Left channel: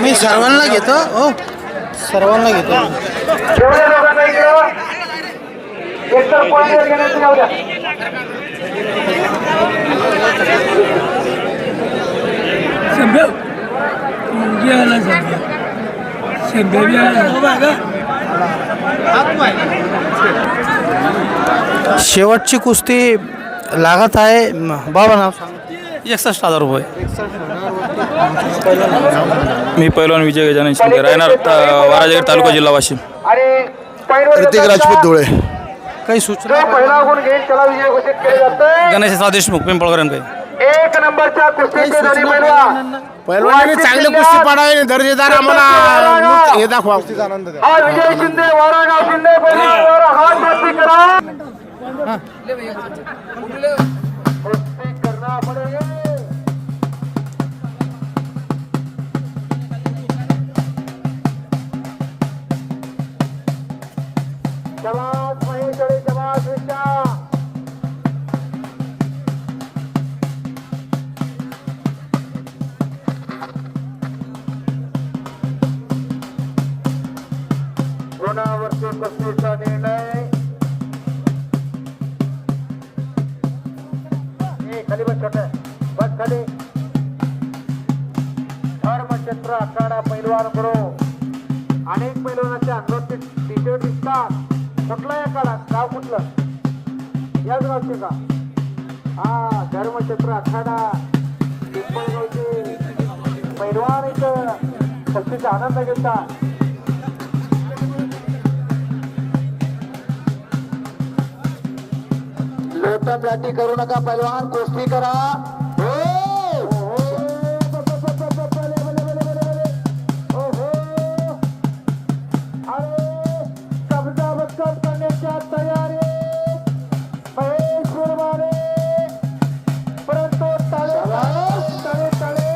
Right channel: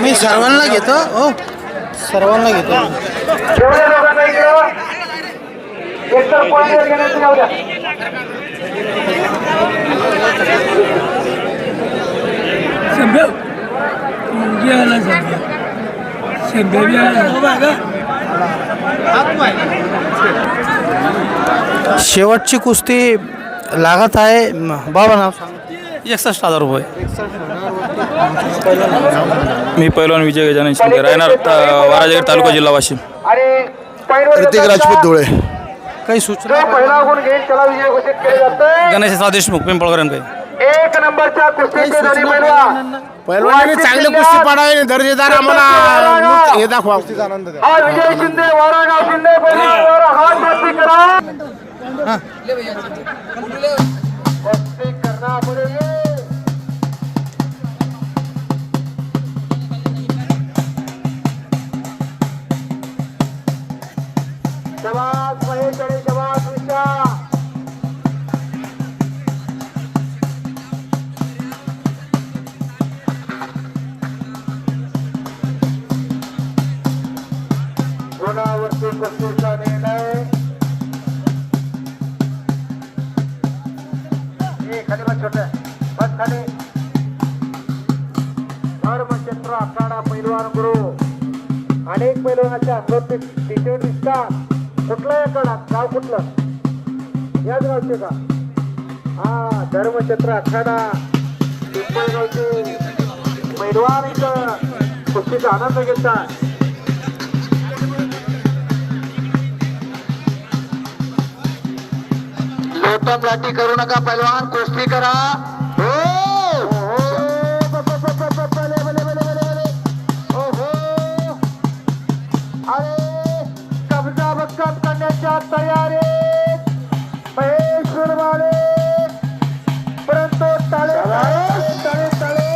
मी सर्वांना घेतो हो, सर्वांना घेतो. शेवटची कुस्ती लागत आहे. बाबा नाव सांग. 61,000 रुपये. मी पैलवान विजय गजानन शिंदे, राहणार वाराजगड तालुका जिल्हा वाशिम. प्रतीक राजपूत धुळे. काही सूचना? गणेश देशमुख पिंपळकरांकडे. एक नंबरच्या कुस्तीचे झाली पैलवानांनी चांगली कुस्ती पाडावी, दर्जेदार आम्हाला हे दाखवा. हा विजय शिंदे वारागाव शिंदे पैलवानावर हात मस्ती करा. कुस्ती करना पडेल. जवाब महेशकडे, जवाब विशा. गुणावरती कुस्तीचा निर्णय. खाली बस, छोट बस खाली. धर्मचंद्र आखाडा पैलवान गुरु. अनेक पैलवानाच्या अंगावरती टी-शर्ट दिसतात. कुठला आखाडा? नाव कुठलं? याच गावचे का? हा, धर्मचंद्र आखाडा पिंपळगावचे पैलवान इथं कुस्तीचा आनंद घेतात. लोटम लाटी करू नका पैलवान, कुस्ती करा. अरे कब्जा बक्कत करण्याच्या तयारी महेश गुरवाले. परंतु टाळे टाळे टाळे.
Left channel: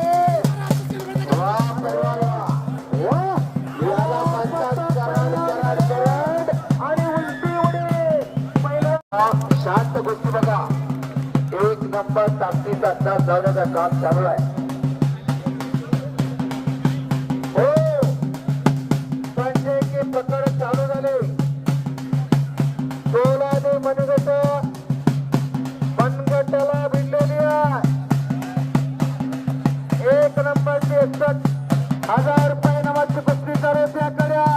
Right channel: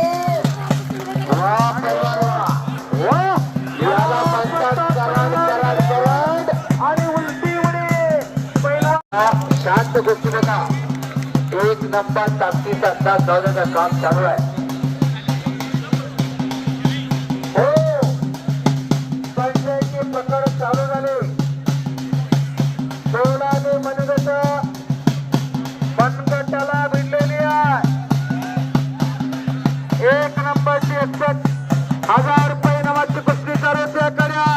याला म्हणतात कराड कराड कराड. आणि उलटी उडी. पहिला शांत गोष्टी नका. एक नंबर ताकदीचा तास जाण्याचं काम चालू आहे. हो, पंचायती प्रकार चालू झाले. सोलाने मनगट मनगटाला भिडलेली आहे. एक नंबरची 61,000 रुपये नावाची कुस्ती चालू होते. कड्या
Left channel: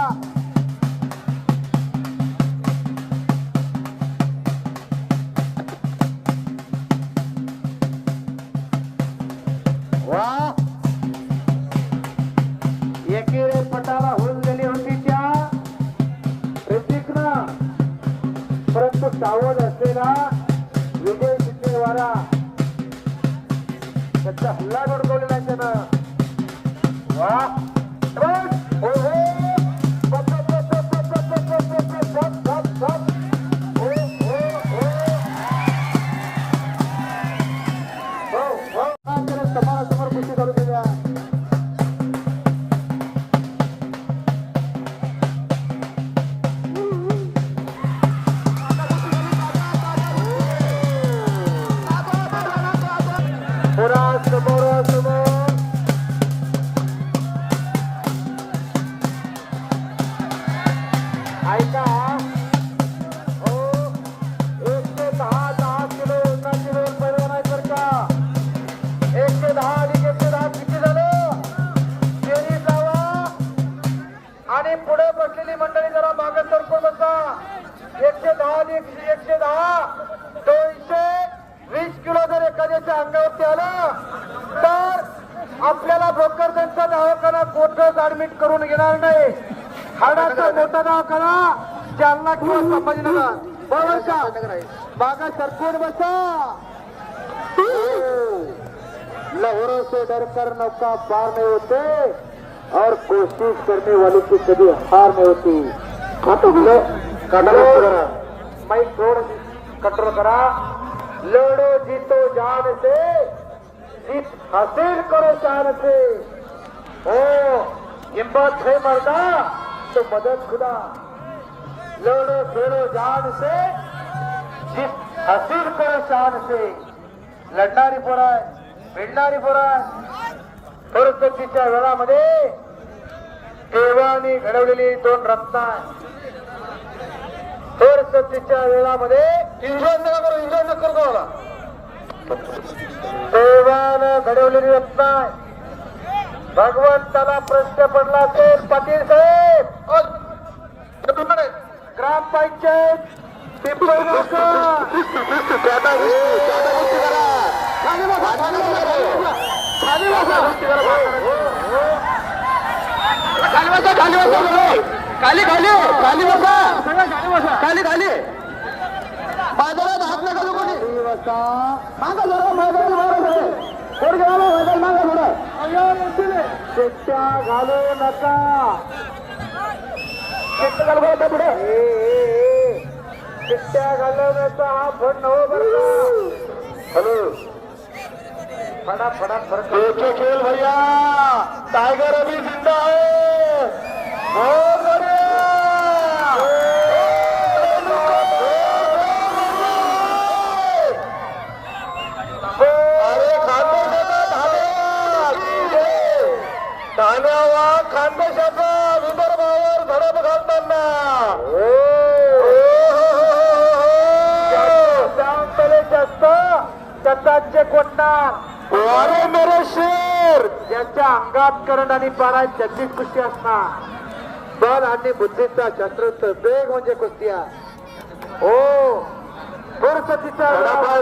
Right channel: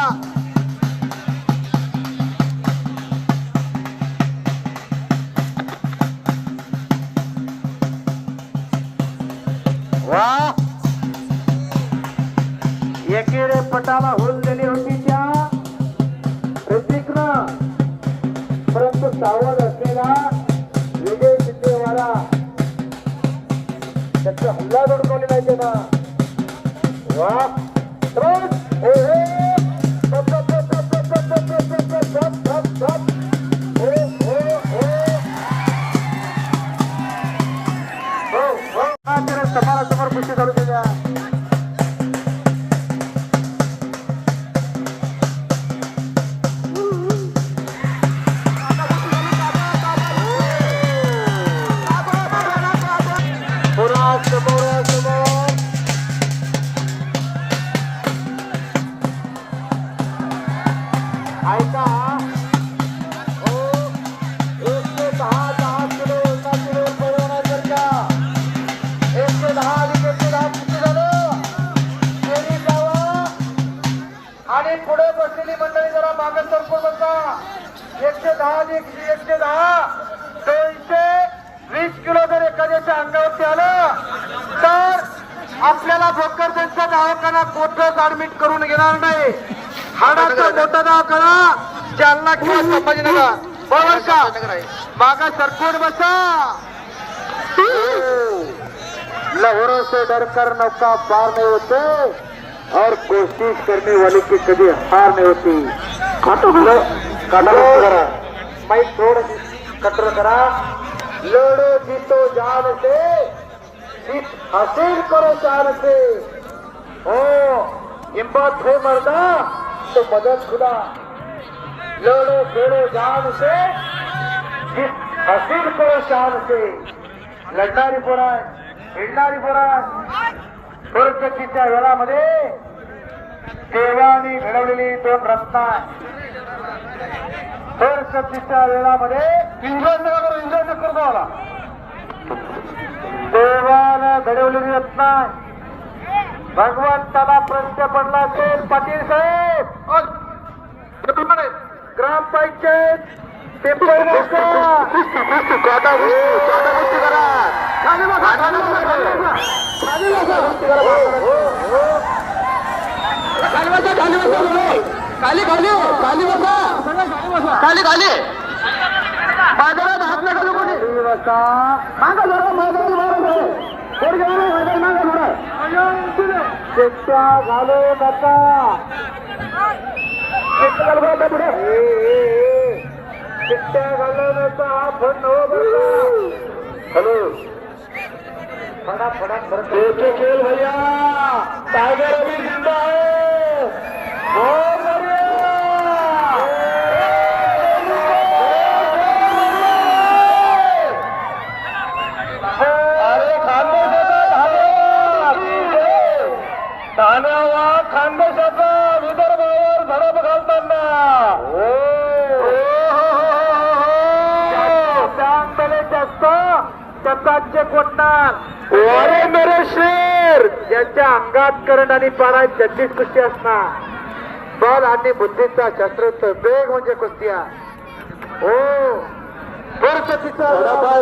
एकेरे पटाला होऊन दिली होती त्या प्रतीकनं. परंतु सावध असलेला विजय शिंदेवाला त्याचा हल्ला दडकवलेला आहे त्यांना. वा समोरासमोर कुस्ती चालू केल्या. आणि पुढे बसलेली मंडळी जरा मागे सरकून बसा. 110 220 किलो जर एखाद्याच्या अंगावरती आलं तर आपल्याला भोकरदनचा दवाखाना कोथळ्यात ऍडमिट करून घेणार नाही. हाडाचा मोठा दवाखाना जालना किंवा संभाजीनगर. बरोबर का? मागा सरकून बसा. लहरों से डरकर नौका पार नहीं होते और कोशिश करने वाले की कभी हार नहीं होती. माइक थोड़ा कटर करा. लड़ो जीतो जान से, जीत हासिल करो जान से. ओ हिम्मत है मर्दा तो मदद खुदा. लड़ो फेरो जान से, जीत हसीन करो शान से लढणारी पोरं आहे भिडणारी पोरं आहे थोरकतीच्या वेळामध्ये देवाने घडवलेली 2 रत्न आहे थोरकतीच्या वेळामध्ये इंजन नका करू मला देवानं घडवलेली रत्न आहे भगवंताला प्रश्न पडला असेल पाटील साहेब ग्रामपंचायत बाजारात हात नका लोक मागा जरा शिट्ट्या घालू नका शिट्ट्या घालवण्याचा हा फंड हो बरं हॅलो फटाफट फरक खेळ भैया टायगर अभी जिंदा है हो बरे अरे ठाण्याला खानदेशाचा विदर्भावर धडक घालताना त्याचे कोटणार अरे मेरे शेर ज्याच्या अंगात करण आणि पारात जगदीश कुस्ती असणार बल आणि बुद्धीचा शस्त्र वेग म्हणजे कुस्त्या हो सरस्वतीचा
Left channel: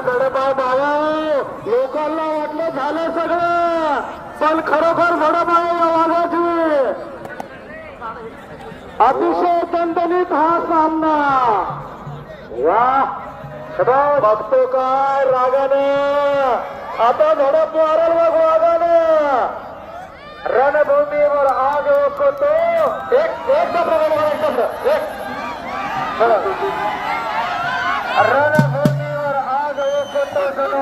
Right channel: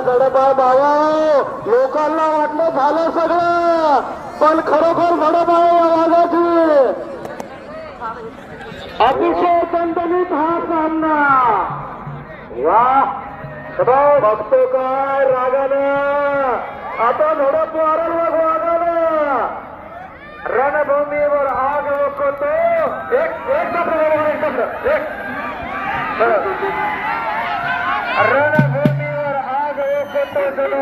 गडबाळ बाबा लोकांना वाटलं झालं सगळं पण खरोखर गडबाळ वागायची अतिशय दणदणीत हा सामना वा बघतो काय रागानं आता झडप मारल मग वागानं रणभूमीवर आग ओकतो एक रणभूमीवर आग ओकतो जणू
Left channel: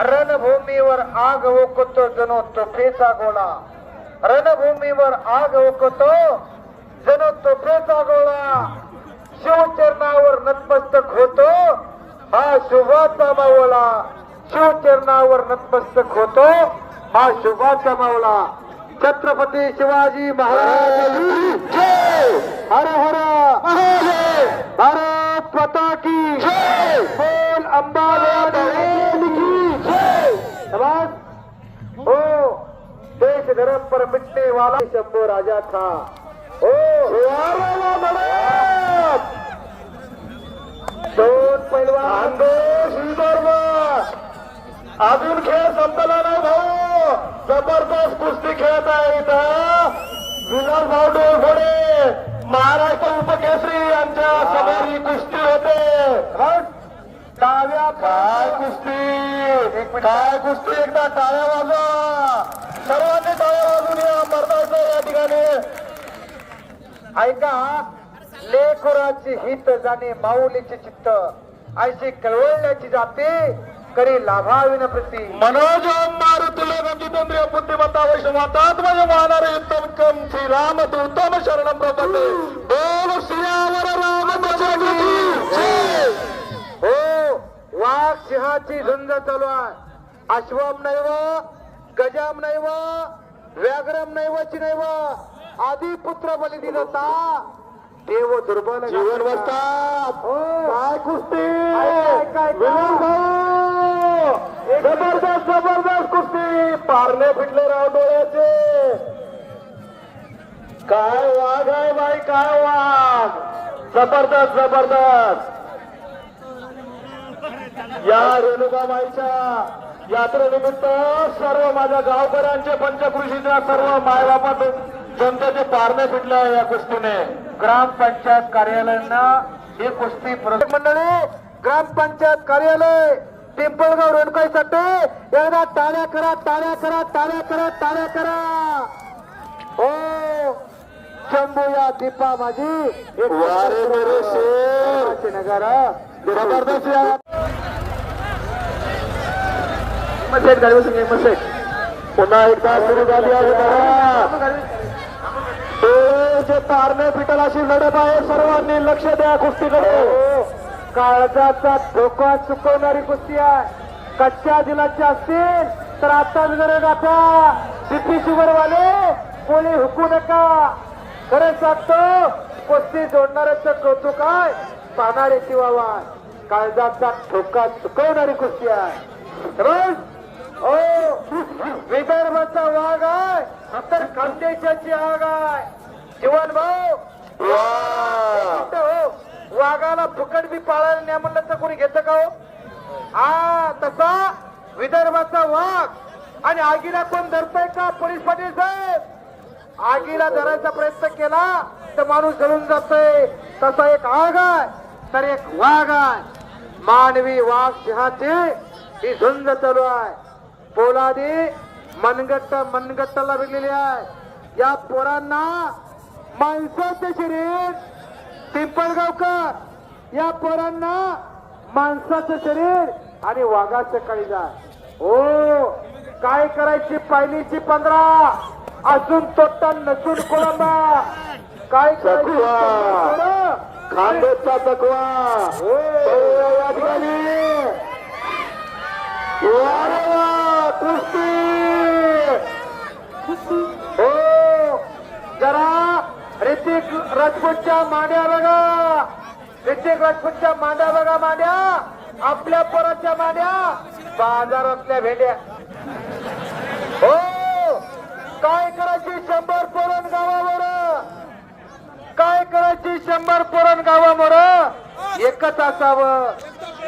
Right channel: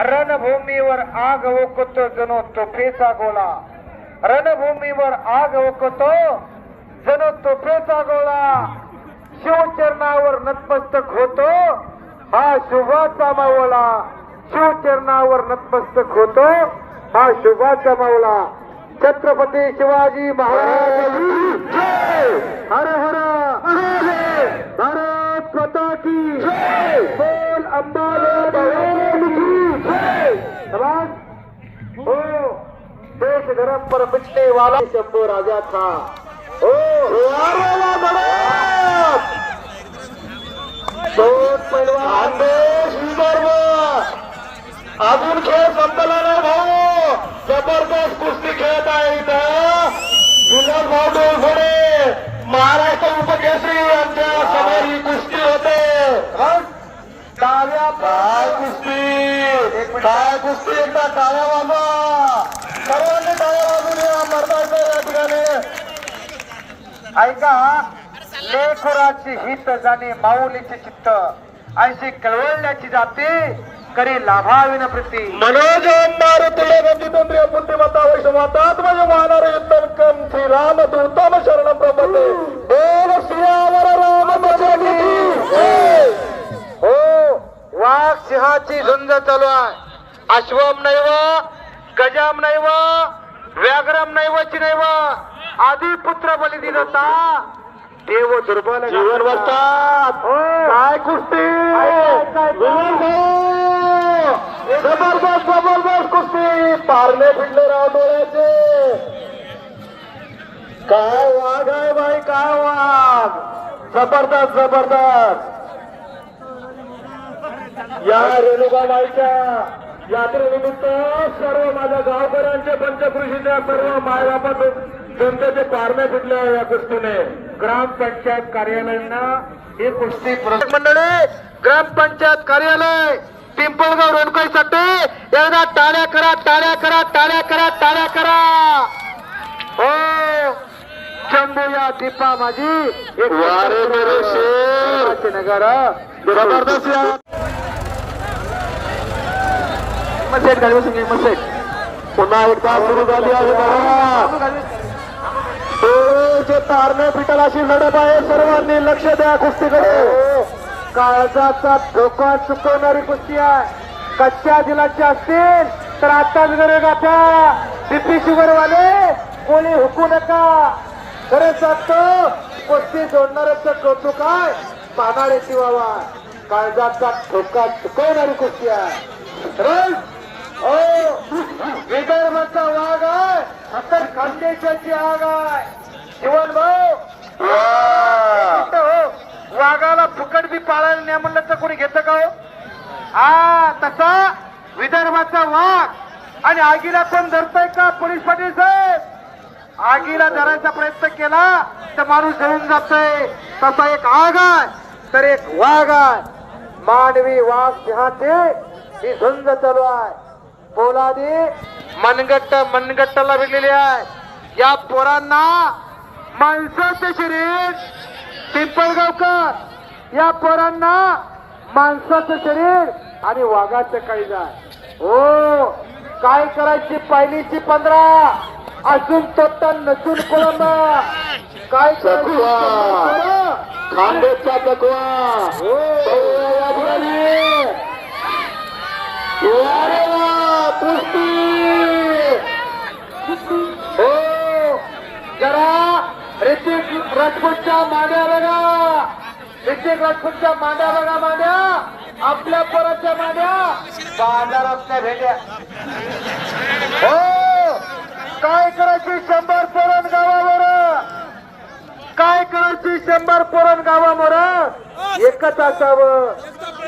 रणभूमीवर आग ओकतो जणू तोफेचा गोळा रणभूमीवर आग ओकतो जणू तोफेचा गोळा शिवचरणावर नतमस्तक होतो हा शुभाचा मावळा शिवचरणावर नतमस्तक होतो हा शुभाचा मावळा छत्रपती शिवाजी महाराज हर हर भारत माता की जय बोल अंबाला भगवान की जय हो देश धर्म पर मिटने वाला शंभू राजा था ओ दोन पैलवान अजून खेळ संपला ना भाऊ जबरदस्त कुस्ती खेळत आहे इथं विलास भाऊ डोळफोडे महाराष्ट्र उपकेसरी यांच्या समोर ही कुस्ती होते टाळ्या काय कुस्ती एकदा टाळ्या वाजवा सर्वांनी टाळ्या वाजून या मर्दाचं या ठिकाणी ऐका लेखुराची हित जाणे माऊलीचे चित्त ऐशी कळवळण्याची जाते करी लाभाविन प्रती मनोज मारुतीले गंजितेंद्रिय बुद्धिमत्ता वैष्णवात्मज मानरे तर्कं श्रीराम दूतम शरणं प्रपदे बोल श्रीरावर रामचंद्र की जय हो वाघ सिंहाची झुंज चालू आहे अश्वम नैव गजाम नैव व्याघ्रम नैवची नैव आदी पुत्र बली दिलता देव दुर्बल जीवन बसतात काय कुस्ती जबरदस्त कुस्ती पारणे फिरले राव डोळ्याचे काय वाघ आहे बाई काय वाघ जबरदस्त या रेणुकाबाईच्या यात्रेनिमित्त सर्व माझ्या गावकऱ्यांचे पंचकृषीच्या सर्व मायबापा जनतेचे पारणे फिटले या कुस्तीने ग्रामपंचायत कार्यालयांना ही कुस्ती मंडळी ग्रामपंचायत कार्यालय पिंपळगाव रोणकाईसाठी एकदा टाळ्या करा टाळ्या करा टाळ्या करा टाळ्या करा हो शंभू या दीपा माझी एक नगर जबरदस्त पुन्हा एकदा सुरू झाली आहे डोळ्याचे पारणे पिटल अशी लढत आहे. सर्वांनी लक्ष द्या कुस्तीकडे. काळजाचा धोका चुकवणारी कुस्ती आहे. कच्च्या दिलाचे असतील तर आता जर गाठा. बीपी शुगर वाले कोणी हुकू नका. खरं सांगतो कुस्ती जोडणाऱ्याचं कौतुक आहे, पाहणाऱ्याची वावा. काळजाचा धोका चुकवणारी कुस्ती आहे. रस विदर्भाचा वाघ आहे, अतर खानदेशाची आग आहे. जीवन भाऊ वाघाला फुकट बी पाळायला नाही म्हणलं तर कोणी घेतं का हो? हा तसा विदर्भाचा वाघ. आणि आगीला कोण धरतय का पोलीस पाटील साहेब? आगीला धरायचा प्रयत्न केला तर माणूस जळून जातोय. तसा एक आग आहे तर एक वाघ आहे. मानवी वाघ सिंहाची ही झुंज चालू आहे. पोलादी मनगट्टाला भेटलेली आहे. या पोरांना माणसाचं शरीर पिंपळगावकर, या पोरांना माणसाचं शरीर आणि वाघाचं काळीज आहे. हो काय करायची पायलीची 15 अजून तोटा नसून कोळंबा. काय खांदेचा तकवा हो जरा ऋतिक राजपूतच्या मांड्या बघा. ऋतिक राजपूतच्या मांड्या बघा. मांड्या आपल्या पोराच्या मांड्या बाजारातल्या भेंड्या. हो काय करायची 100 पोरण गावावर. काय करायची 100 पोरण गावावर. एकच असावं,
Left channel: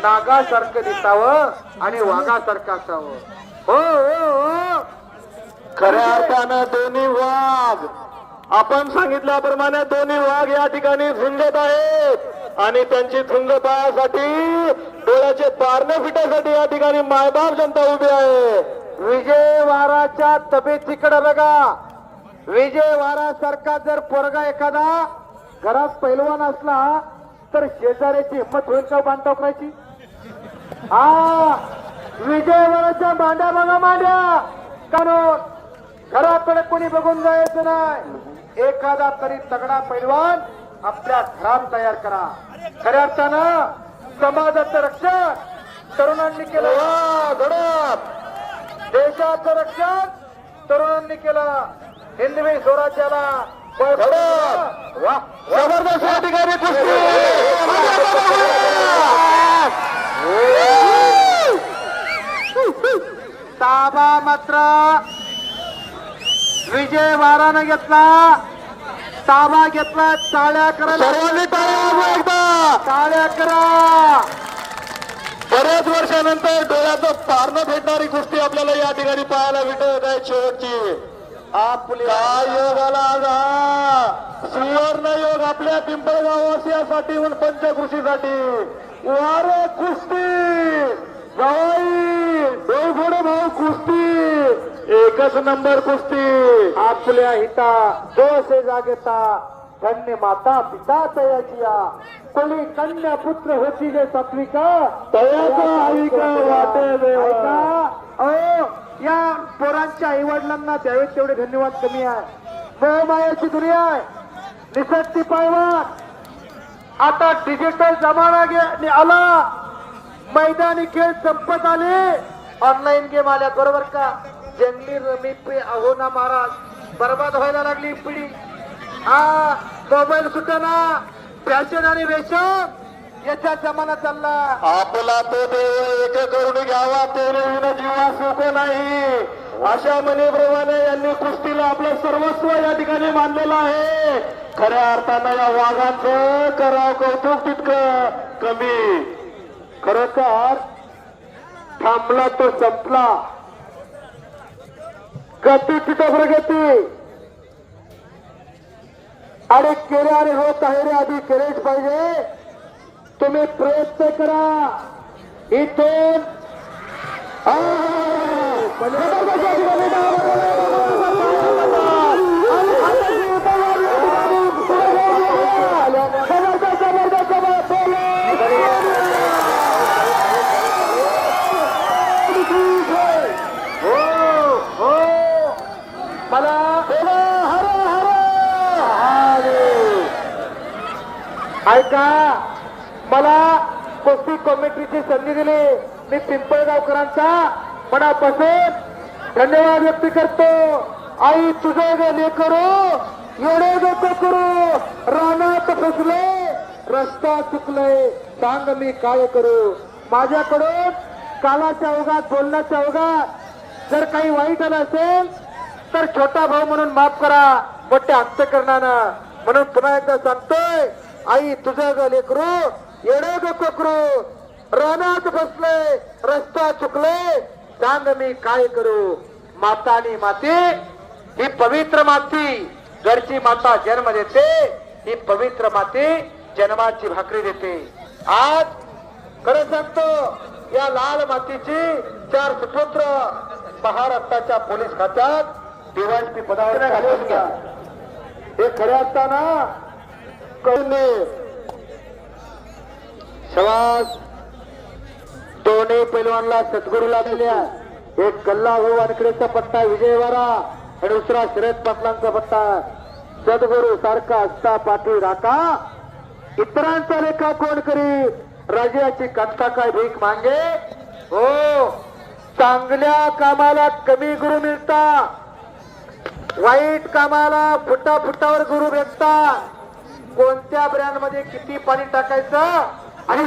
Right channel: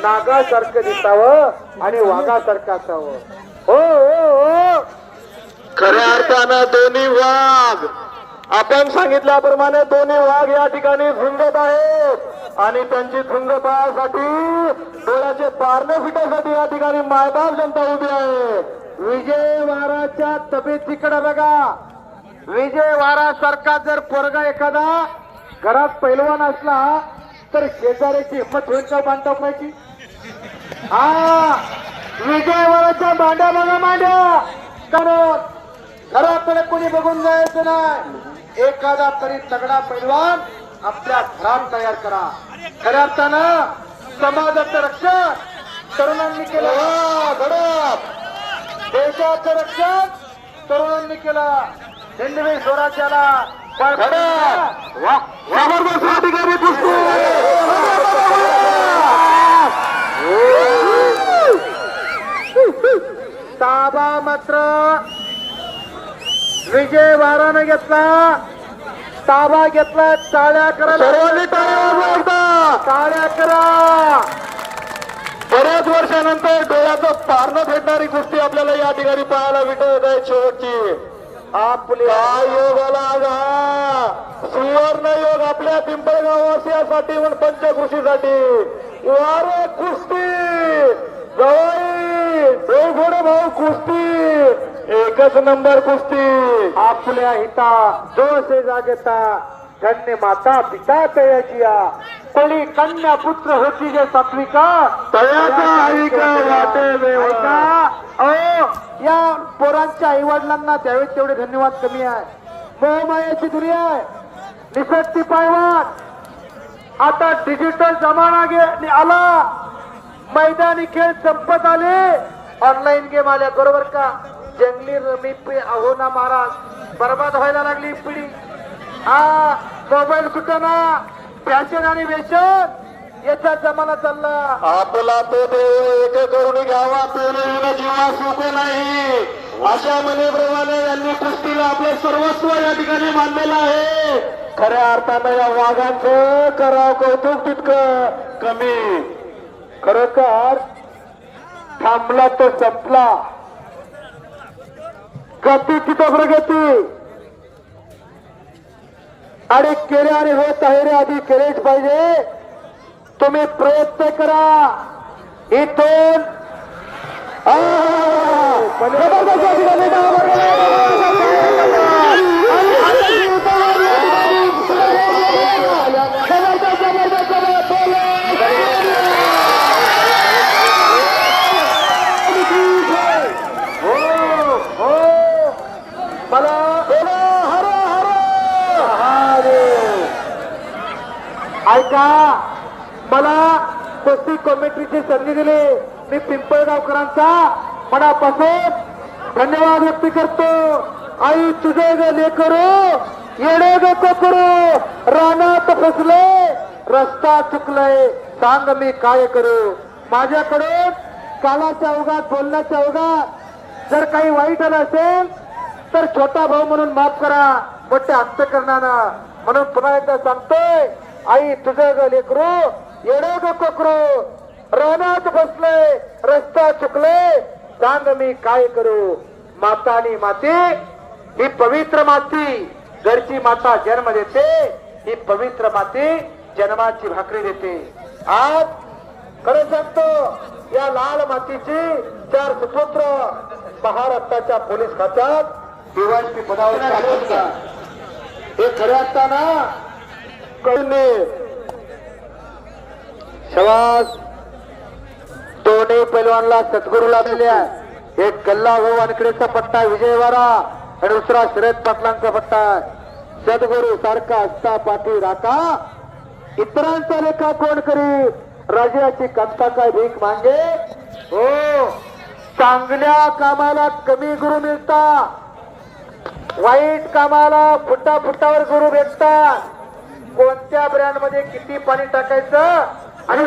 नागासारखं दिसावं आणि वाघासारखं असावं. हो हो हो खऱ्या अर्थानं दोन्ही वाघ आपण सांगितल्याप्रमाणे दोन्ही वाघ या ठिकाणी झुंजत आहेत. आणि त्यांची झुंज पाहण्यासाठी डोळ्याचे पारणे फिटण्यासाठी या ठिकाणी मायबाप जनता उभी आहे. विजय वाराच्या तब्येतीकडे बघा. विजय वारा सारखा जर पोरगा एखादा घरात पैलवान असला तर शेजाऱ्याची हिंमत होईल का बांधता पाहिजे. हा विजय वाराच्या मांड्या बघा. मांड्या कारण घराकडे कोणी बघून जायचं नाही. एखादा तरी तगडा पैलवान आपल्या घरात तयार करा. खऱ्या अर्थानं समाजाचं रक्षण तरुणांनी केलं. घडप देशाचं रक्षण तरुणांनी केलं. हिंदवी स्वराज्याला जबरदस्त या ठिकाणी कुस्ती. ताबा मात्र विजय वारानं घेतला. ताबा घेतला. टाळ्या करा. टाळ्या करा. बरेच वर्षानंतर डोळ्याचं पारणं भेटणारी कुस्ती आपल्याला या ठिकाणी पाहायला भेटत आहे. शेवटची आपल्या योगाला आगा सुवर्ण योग आपल्या पिंपळगावासाठी व पंचकृषीसाठी. वारे कुस्ती जवळ भाऊ कुस्ती एकच नंबर कुस्ती. आपल्या हिता जो से जागता धन्य माता पिता तयाचिया. कोणी कन्या पुत्र होती जे सात्विका तयाचा ऐका वाटे या पोरांच्या आई वडिलांना त्यावेळेस तेवढे धन्यवाद कमी आहे. मोहमायाची दुनिया आहे. निसक्ती पायवान. आता डिजिटल जमाना आला. मैदानी खेळ संपत आले. ऑनलाईन गेम आल्या बरोबर का. जंगली रमी पे आहो ना महाराज बर्बाद व्हायला लागली पिढी. हा मोबाईल सुटाना फॅशन आणि व्यसन याचा जमाना चालला. आपला तो देव एक करून घ्यावा तो जीवा सुख नाही अशा म्हणेप्रमाणे यांनी कुस्तीला आपलं सर्वस्व या ठिकाणी मानलेलं आहे. खऱ्या अर्थानं या वाघांचं करावं कौतुक तितकं कमी. खर तर थांबला तर संपला. गती तिथं प्रगती आणि केले आणि होत आहे रे आधी केलेच पाहिजे. तुम्ही प्रयत्न करा. इथून मला का मला कुस्ती कमिटीची संधी दिली. मी पिंपळगावकरांचा मनापासून धन्यवाद व्यक्त करतो. आई तुझे ग लेकरो येणे ग करू, रानात फसले रस्ता चुकले, सांग मी काय करू. माझ्याकडून कालाच्या ओघात बोलण्याच्या ओघात जर काही वाईट आलं असेल तर छोटा भाऊ म्हणून माफ करा, मोठ्या अंतकरणानं. म्हणून पुन्हा एकदा सांगतोय, आई तुझं ग लेकरू येणे ग करू, रानात बसले रस्ता चुकले, सांग मी काय करू. माता आणि माती ही पवित्र माती, घरची माता जन्म देते, ही पवित्र माती जन्माची भाकरी देते. आज खरं सांगतो, या लाल मातीची 4 सुपुत्र महाराष्ट्राच्या पोलीस खात्यात डीवायएसपी पदावर हे खरं असताना कळणे शवास दोन्ही पैलवानला सद्गुरूला दिल्या. एक गल्ला हो वानकडेचा पट्टा विजयवाडा आणि दुसरा शरद पाटलांचा पट्टा. सद्गुरू सारखा असता पाठी राखा, इतरांचा लेखा कोण करी, राजाची कंता काय भीक मागे. हो, चांगल्या कामाला कमी गुरु मिळतात, वाईट कामाला फुटाफुटावर गुरु भेटतात. कोणत्या ब्रँड मध्ये किती पाणी टाकायचं आणि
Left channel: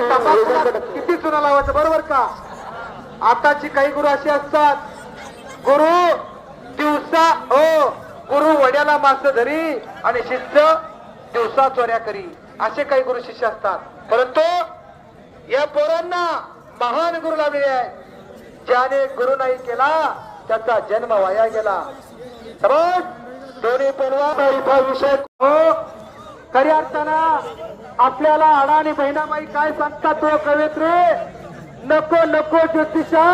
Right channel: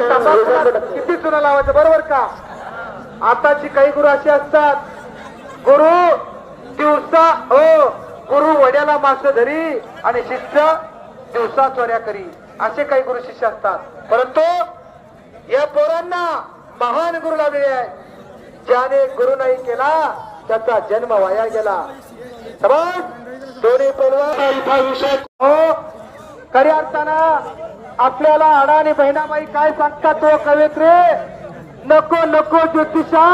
किती चुना लावायचं, बरोबर का. आताची काही गुरु असे असतात, गुरु दिवसा हो गुरु वड्याला मास धरी आणि शिष्य दिवसा चोऱ्या करी, असे काही गुरु शिष्य असतात. परंतु या पोरांना महान गुरु लाभले आहेत. ज्याने गुरु नाही केला त्याचा जन्म वाया गेला. समज दोन्ही पैलवान विषय हो, खऱ्या अर्थानं आपल्याला आडा आणि बहिणाबाई काय सांगतात हो कवयित्री, नको नको ज्योतिषा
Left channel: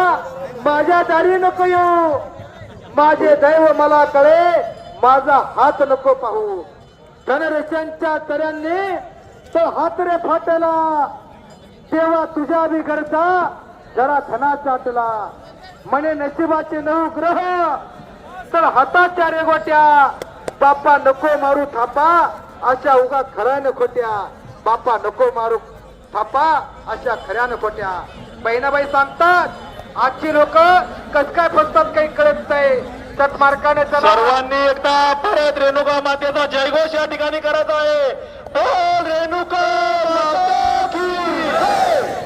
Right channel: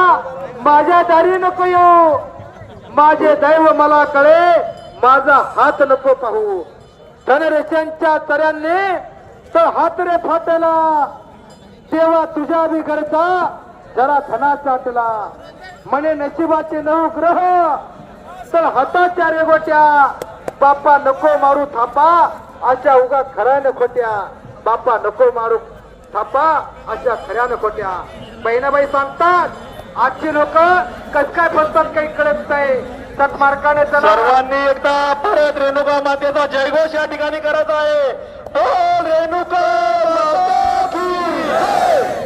माझ्या दारी नको येऊ, माझे दैव मला कळे, माझा हात नको पाहू. धनरेशांच्या तऱ्यांनी तर हात रे फाटला, तेव्हा तुझ्या बी घरचा जरा धनाचा आटला. म्हणे नशिबाचे 9 ग्रह तर हाताच्या रेगोट्या, बापा नको मारू थापा अशा उगा खऱ्यानं खोट्या, बापा नको मारू थापा अशा खऱ्यानं खोट्या. बहिणाबाई सांगतात आजची लोक कस काय फसतात काही कळत नाही. सत्मार्गाने सर्वांनी एकदा परत रेणुका मातेचा जयघोष या ठिकाणी करत आहे. बोल रेणुका माता की जय.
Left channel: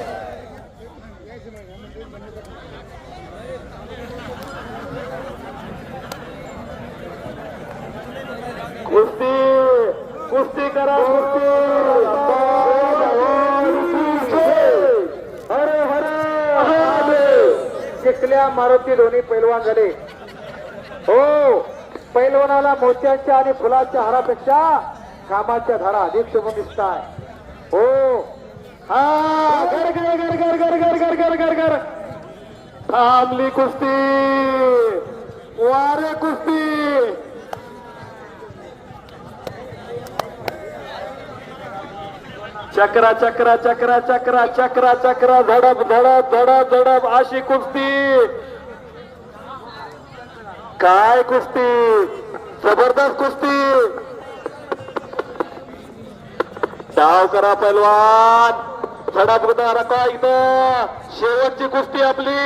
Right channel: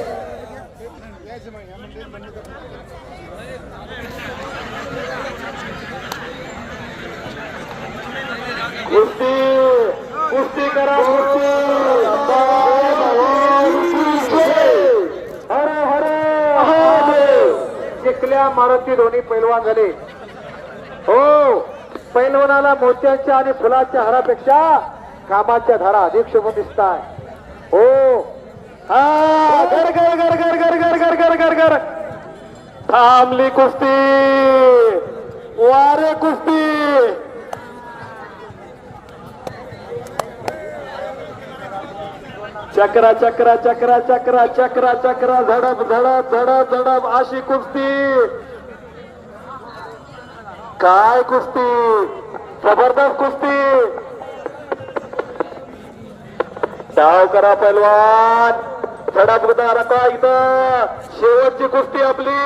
कुस्ती कुस्ती करा, हरे हरे. चिखल्या मारुती दोन्ही पैलवान झाले. हो, पैलवानाला मोत्याच्या आणि फुलाच्या हारापेक्षा कामाच्या धारा अधिक शुभ दिसतात. हो, हा गर गर गर गर गर गर गर गर गर गर थांबली कुस्ती, वारे कुस्ती. चक्रा चक्रा चक्रा चक्रा चक्रा चक्रा धडक धडक धडक धडक अशी कुस्ती. काय कुस्ती, जबरदस्त कुस्ती. डाव करा पैलवान, धडक धडक. आता इथं शेवटची कुस्ती आपली,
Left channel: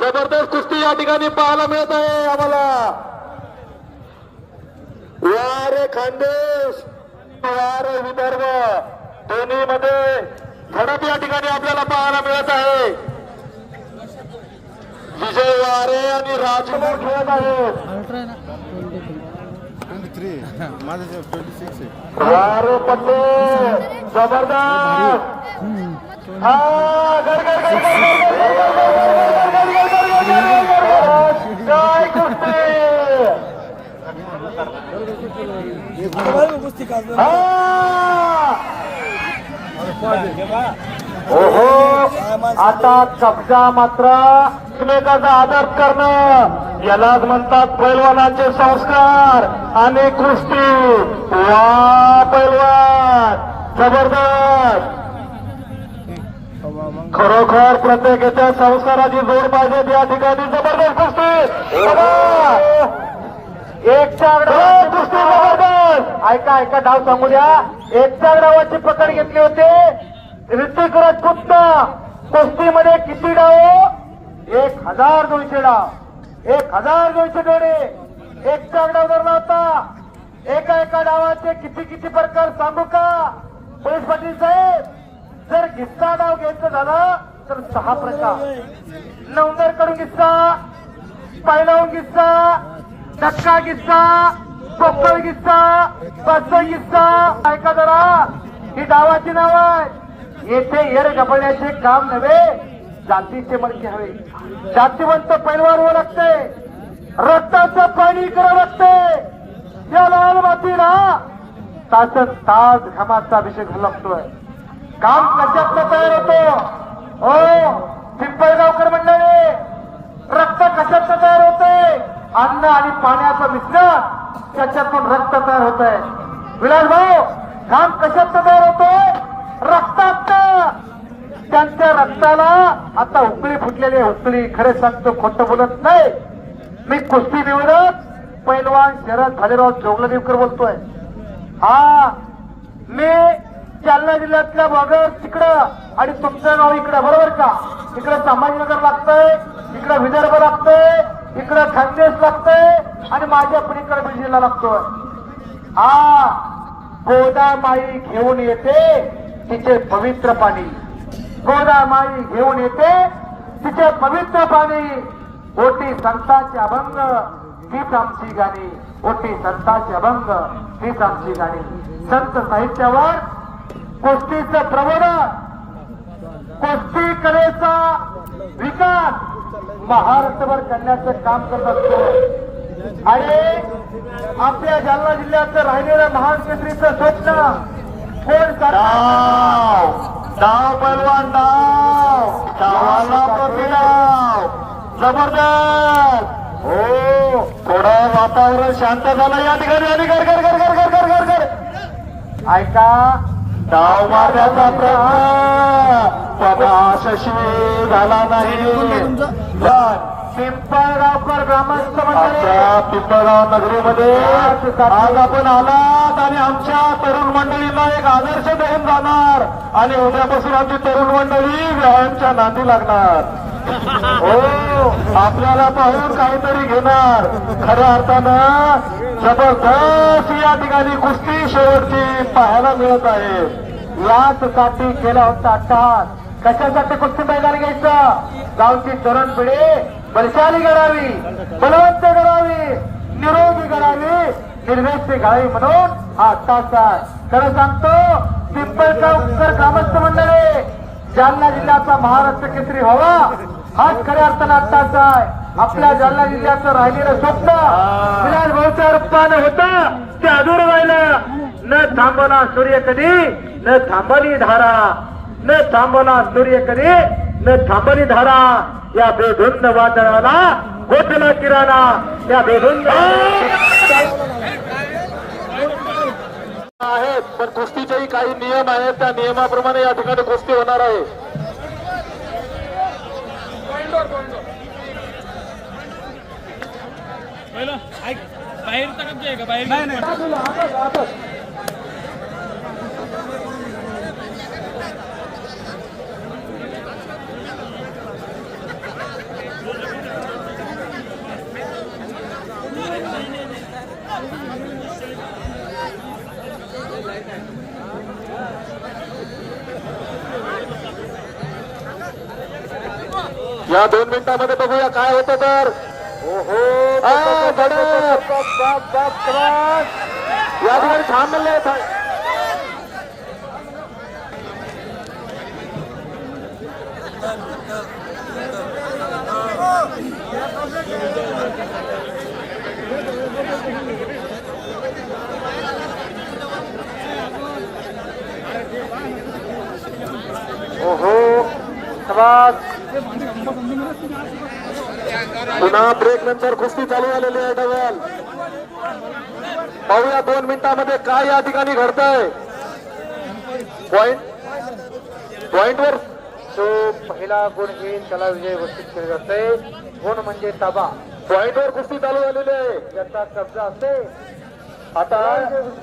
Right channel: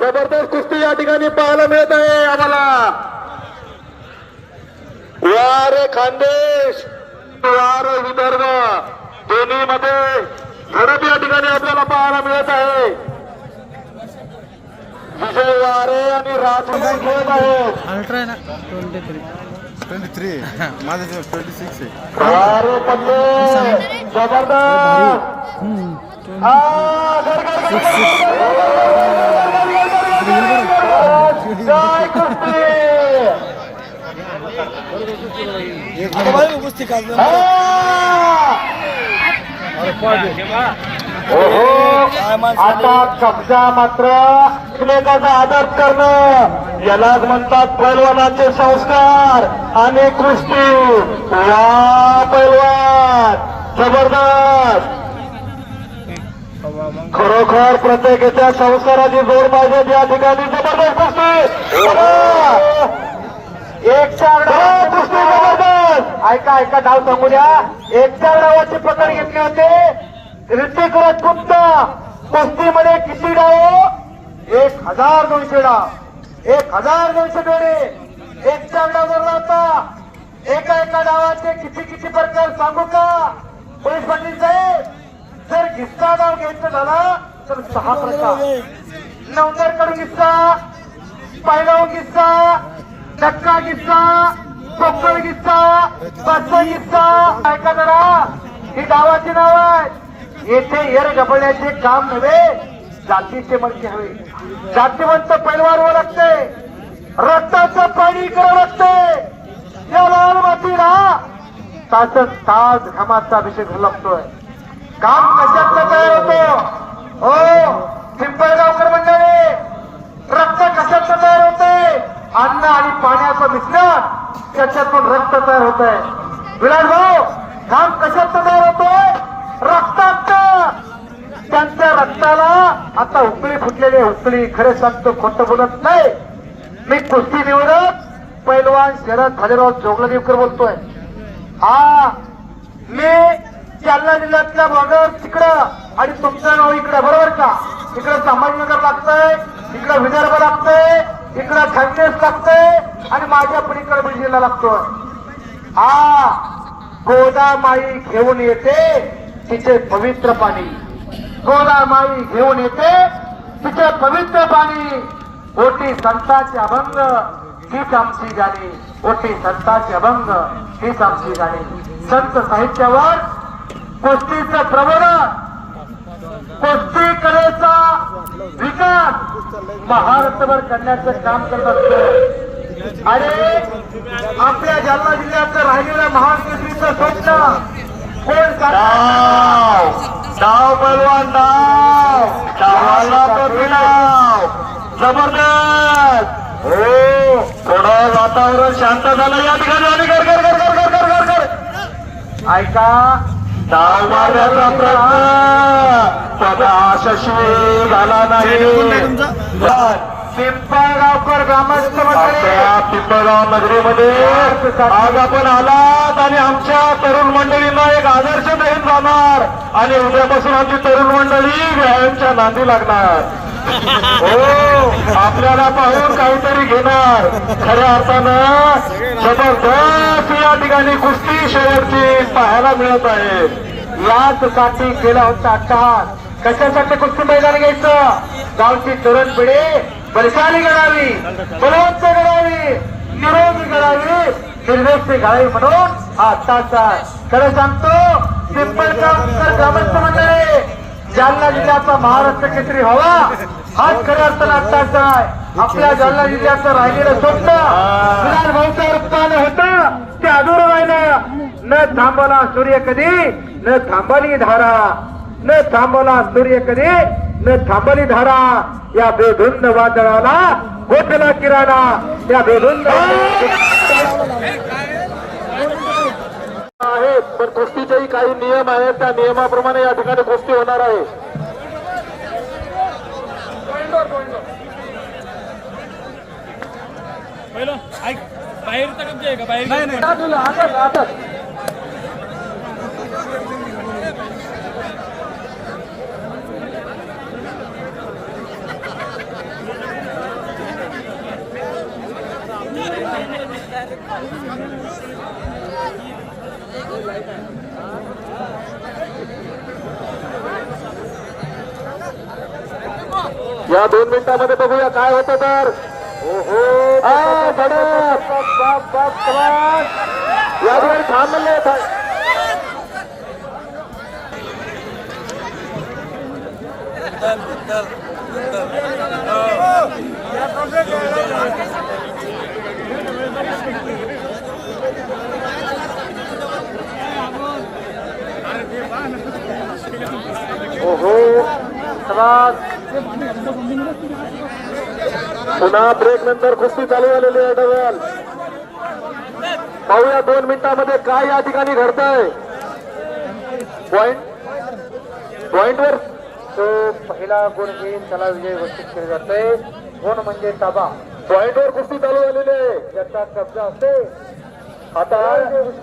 जबरदस्त कुस्ती या ठिकाणी पाहायला मिळत आहे आम्हाला. वारे खानदेश वारे विदर्भ दोन्ही मध्ये झडप या ठिकाणी आपल्याला पाहायला मिळत आहे. विजय वारे आणि राजकुमार खेळत आहेत. अल्ट्रा आहे ना 23 माझं 26 आहे. वारे पडले जबरदस्त. कुस्ती खाल्लं आता कब्जा मात्र एकमेकाचा आदर करणं यालाच म्हणतात पैलवानाचे संस्कार आणि कुस्ती. वा पैलवान जबरदस्त. खरोखर प्रत्येकाच्या संस्काराची जोड पाहिजे या ठिकाणी. जबरदस्त कुस्ती, एक चार कुस्ती जबरदस्त. ऐका ऐका डाव सांगू द्या. एका डावाची पकड घेतली होते ऋतिक राजपूतचा. कुस्तीमध्ये किती डाव? 1200 डाव. 1200 जोडे. एक डाव धरला होता. एका डावाचे किती प्रकार सांगू का पोलीस पाटील साहेब? जर गिस्सा डाव घ्यायचं झालं तर 6 प्रकार. नवंदर कडून गिस्सा, पहिलावून गिस्सा, धक्का गिस्सा, पोकळ गिस्सा, पाचवा गिस्सा. ऐका जरा, ही डावाची नाव आहे. येथे येर गबळण्याचे काम नव्हे, जातीचे मडके हवे. जातीवंत पैलवान व्हावं लागते, रक्ताचं पाणी करावं लागते. या लाल मातीला तास तास घामाचा अभिषेक लागतोय. काम कशात तयार होतो? हो पिंपळगावकर मंडळी, रक्त कशात तयार होते? अन्न आणि पाण्याचं मिश्रण, त्याच्यातून रक्त तयार होत आहे. विराज भाऊ, काम कशात तयार होतो? रक्तात. त्यांच्या रक्ताला आता उकळी फुटलेली उकळी. खरे सांगतो, खोटं बोलत नाही. मी कुस्ती निवडत पैलवान शरद भालेराव जोगलादेवकर बोलतोय. हा, मी जालना जिल्ह्यातल्या भागात तिकडं आणि तुमचं नाव इकडे, बरोबर का? इकडे संभाजीनगर लागतंय, इकडे विदर्भ लागतंय, इकडे खानदेश लागतंय आणि माझ्या पलीकडे बीड जिल्हा लागतोय. हा, गोदामाई घेऊन येते तिचे पवित्र पाणी. गोदामाई घेऊन येते तिचे पवित्र पाणी. ओटी संतांचे अभंग हीच आमची गाणी. ओटी संतांचे अभंग हीच आमची गाणी. संत साहित्यावर कुस्तीचं प्रबोधन, कुस्ती कलेचा विकास महाराष्ट्रभर करण्याचं काम करत असतो. आणि आपल्या जालना जिल्ह्याचं राहिलेलं महान केसरीचं स्वप्न कोण डाव पैलवान, डावाला परिणाम जबरदस्त. हो, थोडं वातावरण शांत झालं या ठिकाणी. ऐका, डाव मारण्याचा प्रयत्न यशस्वी झाला नाही. पिंपळगावकर ग्रामस्थ आपल्या पिंपळगाव नगरीमध्ये आज आपण आलात आणि आमच्या तरुण मंडळींना एक आदर्श देऊन जाणार आणि उद्यापासून आमची तरुण मंडळी व्यायामच्या नांदी लागणार. हो, आपल्याला पाहून काहीतरी घेणार. खऱ्या अर्थानं जबरदस्त या ठिकाणी कुस्ती शेवटची पाहायला मिळत आहे. याचसाठी केला होता अट्टहास. कशासाठी कुस्ती मैदानी घ्यायचं? गावची तरुण पिढी बलशाली घडावी, बलवंत घडावी, निरोगी घडावी, निर्वेशी घडावी म्हणून हा अट्टहास. खरं सांगतो, पिंपळगावकर ग्रामस्थ मंडळी, जालना जिल्ह्याचा महाराष्ट्र केसरी व्हावा हाच खऱ्या अर्थानं अट्टहास आहे. आपल्या जालना जिल्ह्याचं राहिलेलं स्वप्न विलास भाऊच्या रूपानं होतं, ते अधूर राहिलं. न थांबला सूर्य कधी, न थांबली धारा. न थांबला सूर्य कधी, न थांबली धारा. या बेधुंद वादळाला गोठला किराणा. त्या बेधुंद आहेत, पण कुस्तीचेही काही नियम आहेत. त्या नियमाप्रमाणे या ठिकाणी कुस्ती होणार आहे. बाहेरचा कब्जा आहे का? बाहेर या 2 मिनिटांमध्ये बघूया काय होतं तर. या ठिकाणी छान म्हणले पुन्हा ब्रेक नंतर कुस्ती चालू झालेली आहे. डबल पाहूया 2 मिनिटांमध्ये काय या ठिकाणी घडतंय. पॉइंटवर तो पहिला गुण घेईल त्याला विजय घोषित केले जाते. गुण म्हणजे ताबा. पॉइंटवर कुस्ती चालू झालेली आहे. ज्याचा कब्जा असते आता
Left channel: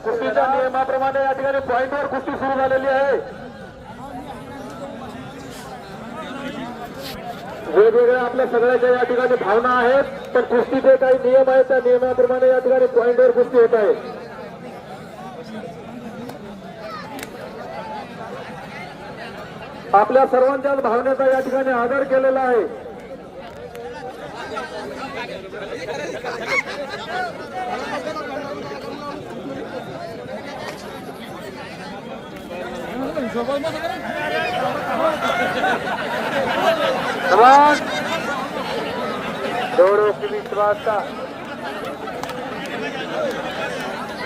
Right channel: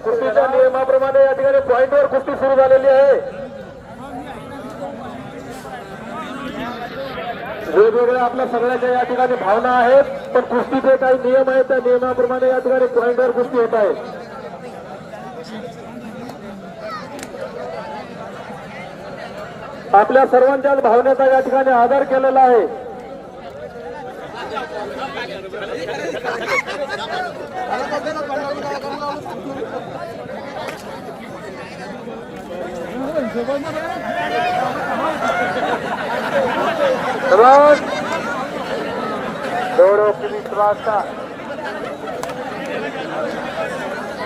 कुस्तीच्या नियमाप्रमाणे या ठिकाणी पॉइंटवर कुस्ती सुरू झालेली आहे. वेगवेगळ्या आपल्या सगळ्याच्या या ठिकाणी भावना आहेत, तर कुस्तीचे काही नियम आहेत त्या नियमाप्रमाणे या ठिकाणी पॉइंटवर कुस्ती होत आहे. आपल्या सर्वांच्याच भावनेचा या ठिकाणी आदर केलेला आहे.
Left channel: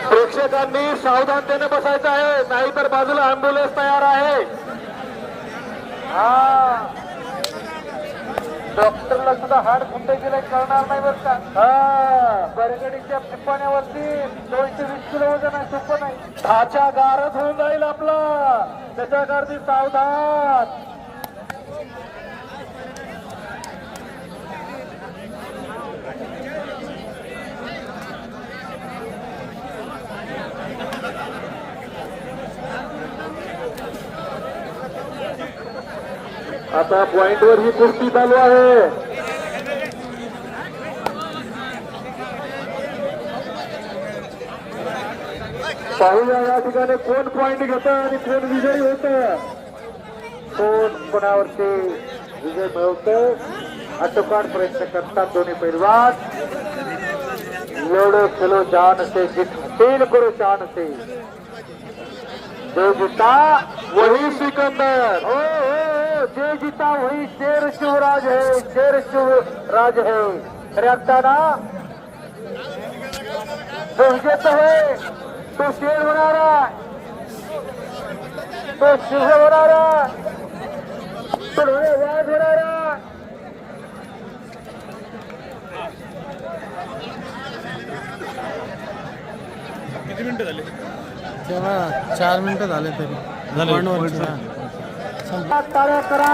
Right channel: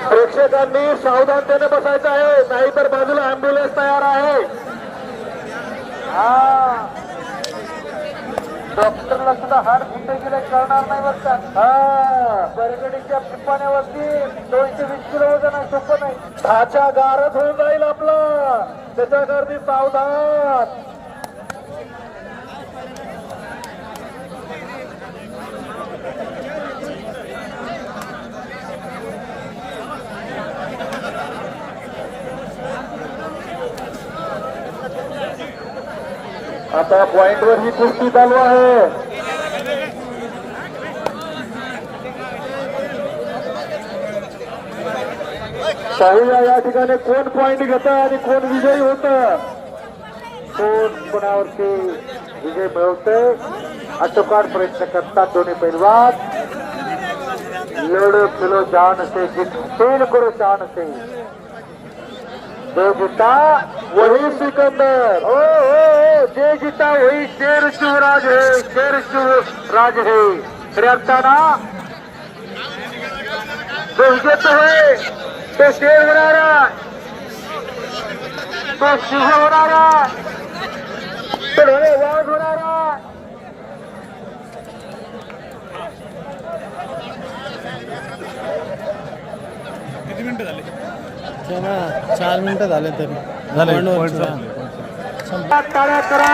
प्रेक्षकांनी सावधानतेने बसायचं आहे, नाहीतर बाजूला अँब्युलन्स तयार आहे. डॉक्टरला सुद्धा हाड फुटे किलो कळणार नाही बरं का. बरगडीच्या पिपाण्यावरती 220 किलो वजन आहे, सोपं नाही. ढाचा गारच होऊन जाईल आपला, त्याच्याकरती सावधान. आता पॉइंटवर ही कुस्ती चालू आहे. पाहूया या ठिकाणी कोण पॉइंट घेत आणि कोण विजयी होत, कोण कोणावरती विजय मिळवतोय. अटोकाट प्रयत्न करतात दोन्ही पैलवान. लड़ो खेलो जान से, खेल करो जान से. जो जीता वही सिकंदर. ओ जे जीता वही शेर शिवराज है, शेर शिवराज है. खऱ्या अर्थाना जो विजेता है तो शेर होणारा, तो सिंह होणारा, तो वाघ होणारा. किती मिनिटं झाले त्याला? 4 मिनिटं झाले तरी पॉइंटवर. टाळ्या करा.